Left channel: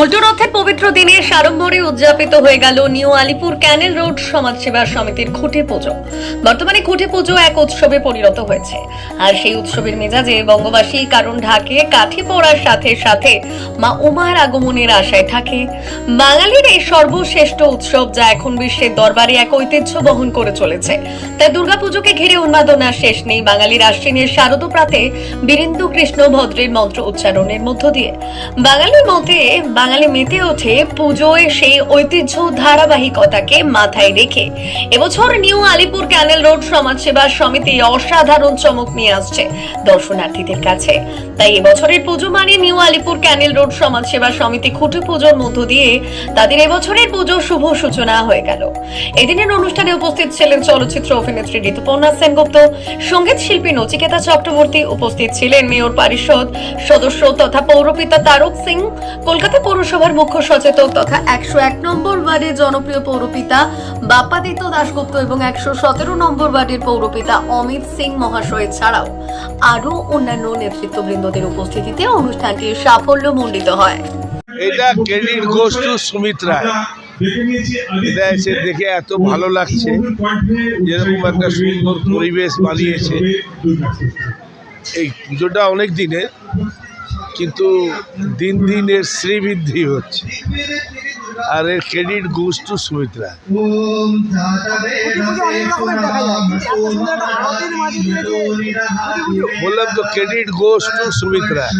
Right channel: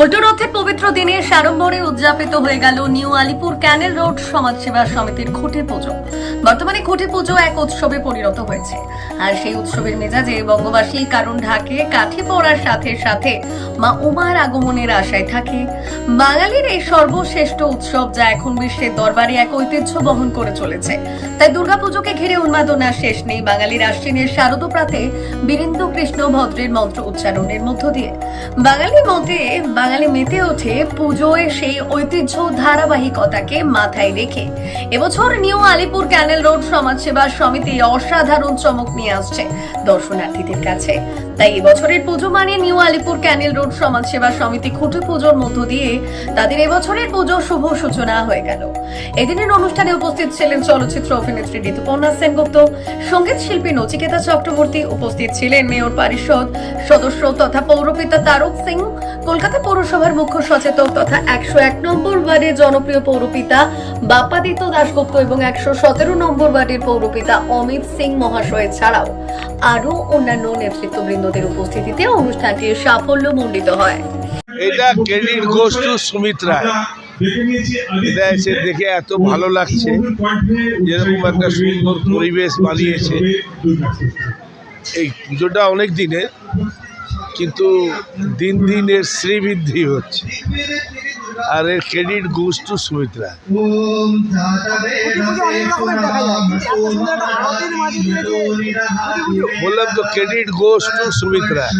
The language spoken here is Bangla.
উল্টো পবিত্র দিনে সাড়ম্বরে উদযাপিত হয়ে গেল নিউ আলিপুর ক্যানেল রোড সমাজসেবা সমিতির খুঁটে পুজো। বর্তমানে খুঁটে পুজো এক উৎসবে পরিণত হয়েছে। আর সেই উৎসবের মেজাজে বঙ্গবাসী কারণ ঢাকে কাঠি পড়ার সাথে সাথে মা উমার আগমনের আশায় থাকে। বাঙালির এই সর্বশ্রেষ্ঠ উৎসব যা এখন বিশ্বের দরবারে এক ঐতিহ্য বহন করে চলেছে। তাই দুর্গাপুজোকে ঘিরে উন্মাদনা শেষ নেই। বাঙালির আশ্বিনের শারদ প্রাতে বীরেন্দ্র কৃষ্ণ ভদ্রের মন্ত্র উচ্চারণের মধ্য দিয়ে। বাঙালির মতে, বাঙালি মেতে ওঠে পুজোয় সেই ঐতিহ্য ধারাবাহিকতাকে মাথায় রেখে। এবছর নিউ আলিপুর ক্যানেল রোড সমাজসেবা সমিতি অসাধারণ চমক নিয়ে আসছে দর্শনার্থীদের কাছে। তাই এবছরের পুজো মানে নিউ আলিপুর ক্যানেল রোড সমাজসেবা সমিতি খুঁটি পুজোর মধ্য দিয়ে তাদের এবছরের পুজো শুভ সূচনা হয়ে গেল। এদিনের অনুষ্ঠানে উপস্থিত ছিলেন চলচ্চিত্র অভিনেত্রী ঋতুপর্ণা সেনগুপ্ত, সংগীত শিল্পী নচিকেতা চক্রবর্তী, উপস্থিত ছিলেন মেয়র পরিষদ সদস্য তথা পৌরপিতা তারক সিং, কলকাতা পৌরসভার মুখ্য সচেতক তথা একশো এক নম্বর ওয়ার্ডের জনপ্রিয় পৌরপিতা বাপ্পাদিত্য দাশগুপ্ত এবং একশো সতেরো নম্বর ওয়ার্ডের পৌরপিতা অমিত সিং মহাশয় ছাড়াও আরও অন্যান্য নেতৃত্ববৃন্দদের উপস্থিতিতে অনুষ্ঠানটি সাফল্য মণ্ডিত হয়। এটা credit goes to Sumit Roy. এটা এসে দেখে এত ভালো লাগছে, যেরকম একটা সুন্দর পরিবেশ বানিয়েছে। এই পুজোটা অনেক দিনের, কিন্তু দিন দিন এর শ্রীবৃদ্ধি হচ্ছে। আর এর credit goes to Sumit Roy বললাম তো credit goes to Sumit Roy